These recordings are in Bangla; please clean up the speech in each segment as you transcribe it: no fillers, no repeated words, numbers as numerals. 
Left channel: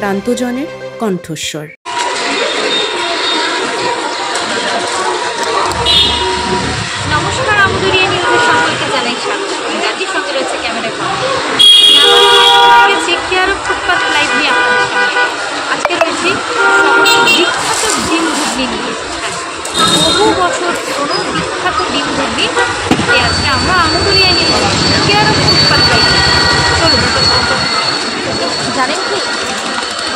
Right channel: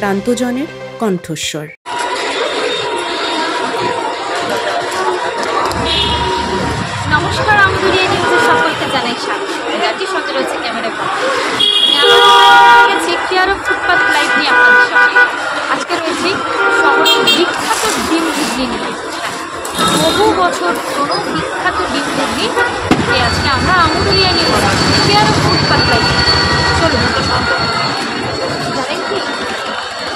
প্রান্তজনের কণ্ঠস্বর। নমস্কার, আমদুরিয়া নিউজের সকলকে জানাই স্বাগত। রাজ্যের সঙ্গে রয়েছে ক্যামেরায় কণ্ঠ। আমি আমার গেছি কেয়ার অফ ফুটপাথ লাইভ নিয়ে আপনাদের সঙ্গে। আজকে রয়েছি শহরের বিখ্যাত ডিম ঘুগনি নিয়ে। হ্যাঁ, বহু বছর পুরনো বিখ্যাত ডিম ঘুগনি নিয়ে আজকে আমরা Amduria news care of footpath live. চলুন, জানেন কি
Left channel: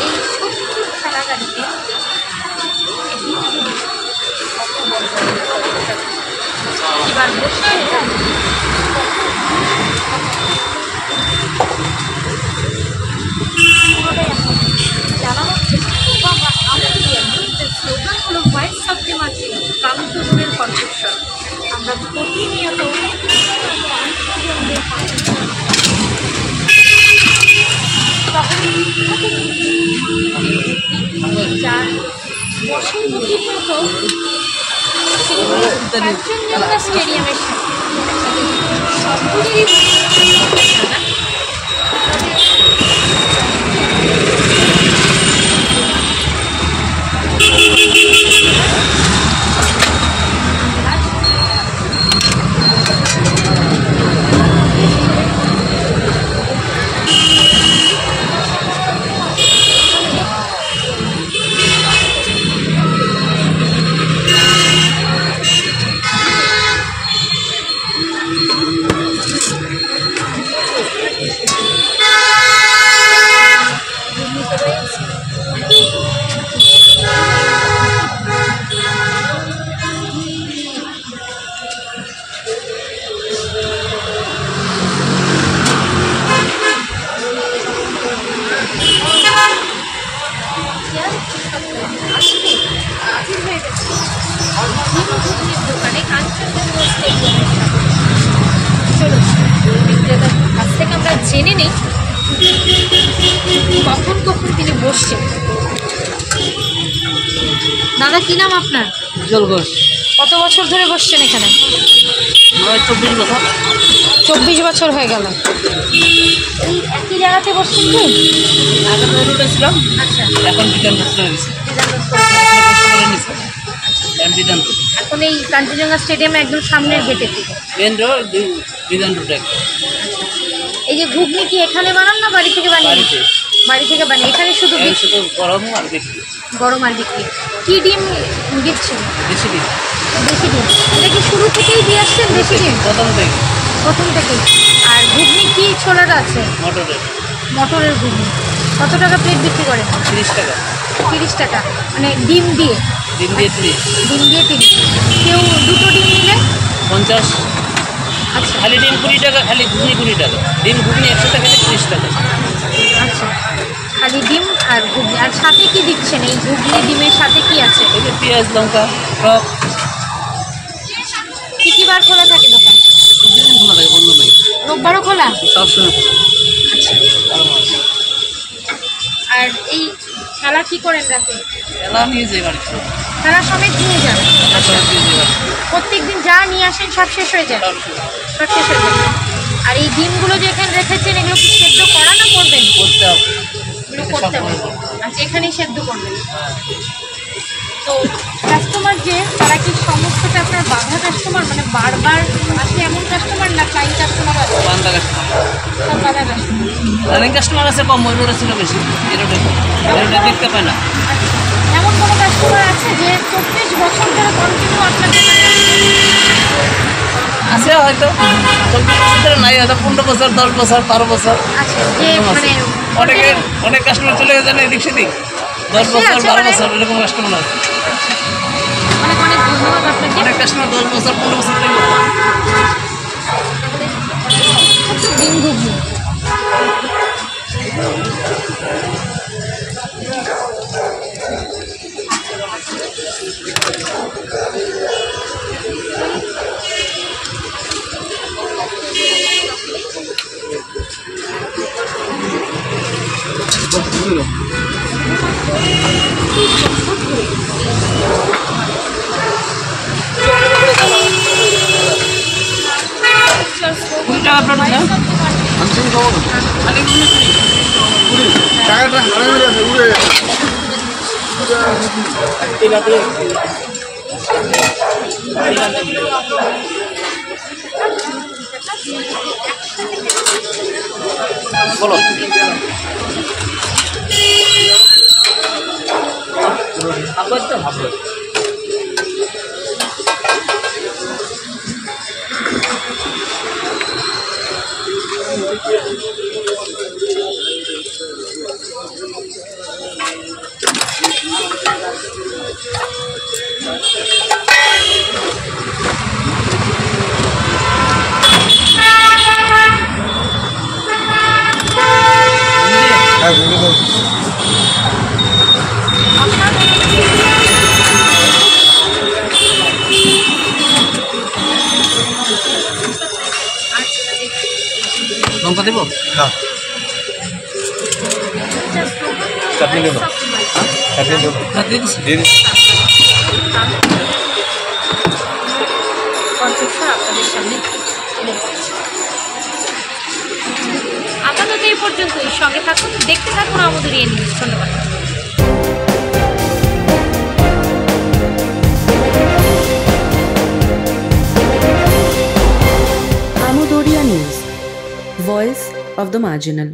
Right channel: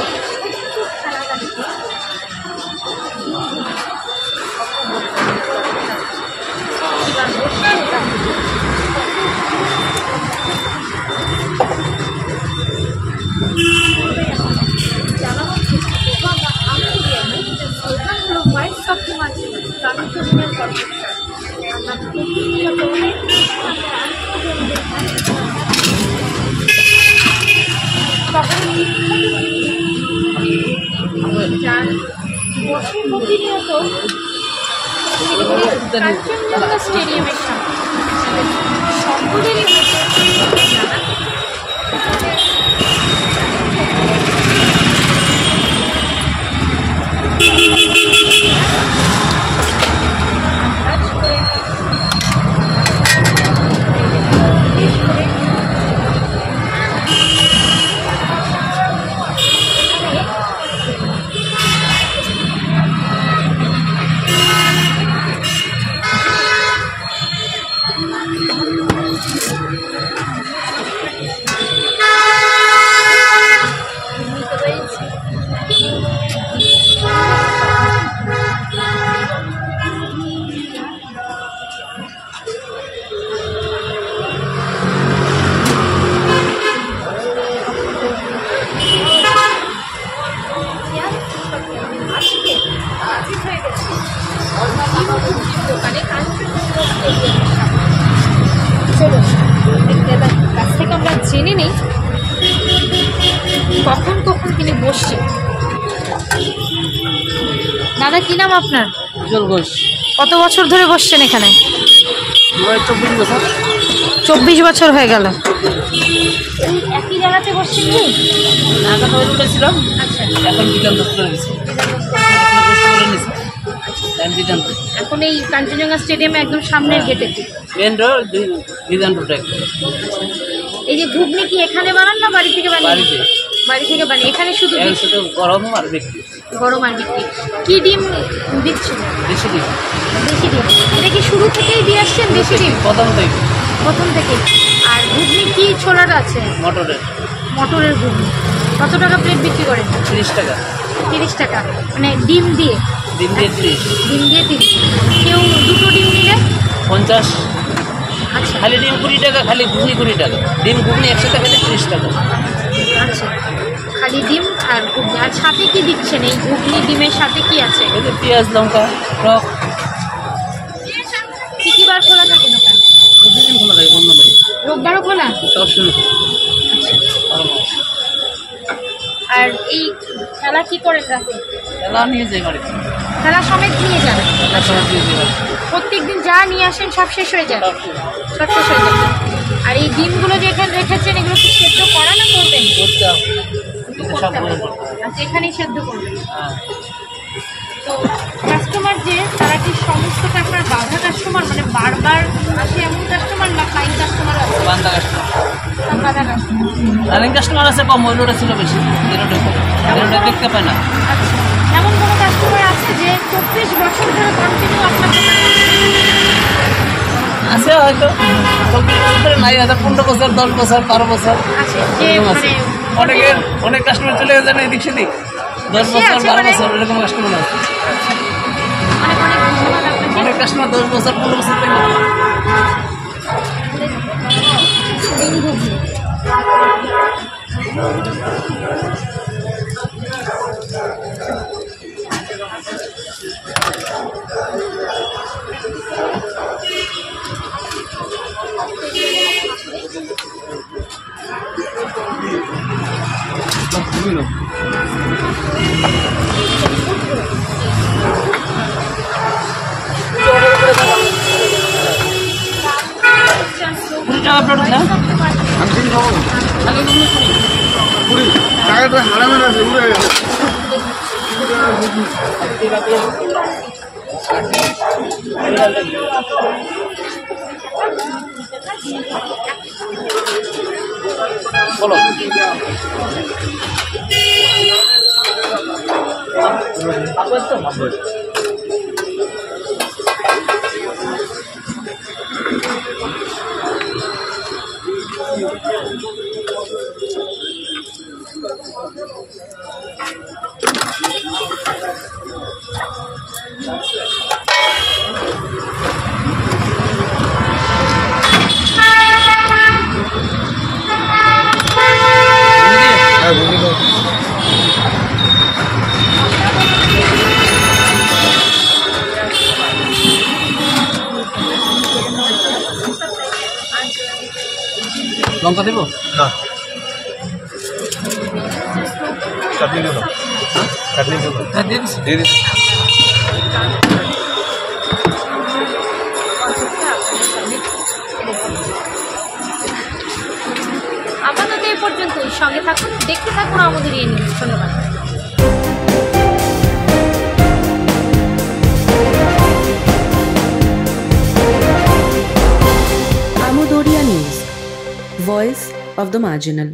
এই ছোট্ট খেলা গাড়িতে এবার বসে জানানো হচ্ছে স্লোগান হলো ভয়েস অফ দি মার্কেট, প্রান্তজনের কণ্ঠস্বর। আমরা প্রতিনিয়ত প্রান্তজনদের যার বসে প্রতিনিয়ত কাঞ্চনজঙ্ঘা স্টেডিয়ামের সামনে সকলেরই দোকানে কাঞ্চনজঙ্ঘা স্টেডিয়ামের কাছ থেকে আমরা জেনে নিই কখন কখন তিনি বসছেন। দাদা, কি নাম আপনার? উজ্জ্বল ঘোষ। কত বছর ধরে বসছেন এখানে? 24 বছর। 24 বছর হয়ে গেল। এই একই জায়গাতে বসছেন কি? আগে তো রোডে ছিলাম, আচ্ছা, এখন বিধান চলে গেছে। এখন এই কাঞ্চনজঙ্ঘা স্টেডিয়ামে একদম সামনের গেটের দিকে মেন রোড, বিধান রোড। এই যে ঘুগনি কি এখানে বানান না বাড়ি থেকে বানিয়ে? বাড়ি থেকে বানিয়ে। এখানে শুধু গরম আর বিক্রি। গরম আর বিক্রি। কি ডিম দিচ্ছেন? বেশি ডিম। দেশি ডিম। এটা কি শুরু থেকেই দিয়ে আসছেন দেশি ডিম? প্রথম থেকে। আর ঘুগনি কি ছোলাটা আছে? মটরের ঘুগনি। কত টাকা প্লেট বিক্রি করেন? 30 টাকা। 30 টাকা, মানে ডিম দিয়ে? ডিম দিয়ে 30। ডিম দিয়ে 30। কেউ দুটো ডিম নিলে 50। আচ্ছা, খালি ডিম 20 টাকা, খালি ঘুগনি 20 টাকা। ডিম ঘুগনি 100 টাকা, 30 টাকা। আচ্ছা, খালি ডিম আর ঘুগনি। আর সাথে কি দিচ্ছেন এই ঘুগনি ডিমের সাথে? কি আছে? এই যে পেঁয়াজ, লঙ্কা, টক। কি বার খোলা থাকে দোকান? প্রতিদিন খোলা থাকে, বন্ধ নেই। রোববারও খোলা? সবসময়। আচ্ছা। 12 মাস। আর এই খেলা কি করেন রাতে? খেলা নিয়ে যাই বাড়িতে। খেলা সমেত নিয়ে যান? খেলা সবাই দিয়ে যাই বাড়িতে। প্রত্যেকদিন যা নিয়ে আসেন সব শেষ হয়ে যায়? সব শেষ হয়ে যায়। আর এই ডিমগুলো যে এখানে রেখেছেন, এগুলো কি সেদ্ধ করা না করবেন? করতে হবে। এগুলো করতে হবে। আচ্ছা, এখানেই সেদ্ধ করবেন। তো কাস্টমার যে তারা কি সমস্তটা আপনার বাঁধা কাস্টমার, মানে বারবার আসে এমন কাস্টমার, না ক্লাইন্ট কাস্টমারও আছে? বান্দা কাস্টমার। সব বাঁধা কাস্টমার। রানিং কাস্টমার আছে কম, ওই রোডে ছিল বেশি। এই রোডে কম, এই রোডে দেখতে পায় না। আচ্ছা, এমন কোনো কাস্টমার আছে যে 24 বছর ধরে কন্টিনিউ আপনার দোকানে আছে? হয়তো 24 বছর ধরে নাই, হয়তো 15 বছর, 10 বছর, 12 বছর এরকম আছে। অনেক কাস্টমার চলে গেছে না এদিক সেদিক। 10 বছর, 12 বছর এরকম কাস্টমার আছে। অনেক ধন্যবাদ আপনাকে। অনেক কাস্টমার 10 বছর, 15 বছর ধরে ডিম ঘুগনি। টাকা প্লেট না? খালি 20 20 টাকা বলো লঙ্কা দিব না চাটনি দেবো চাটনি দেবো হ্যাঁ দিয়ে দিচ্ছি দিয়ে দিচ্ছি আপাতত এই পর্যন্তই। সঙ্গে থাকুন, দেখতে থাকুন আমাদের নিউজ। ধন্যবাদ। Amudoria News, voice of the marginal.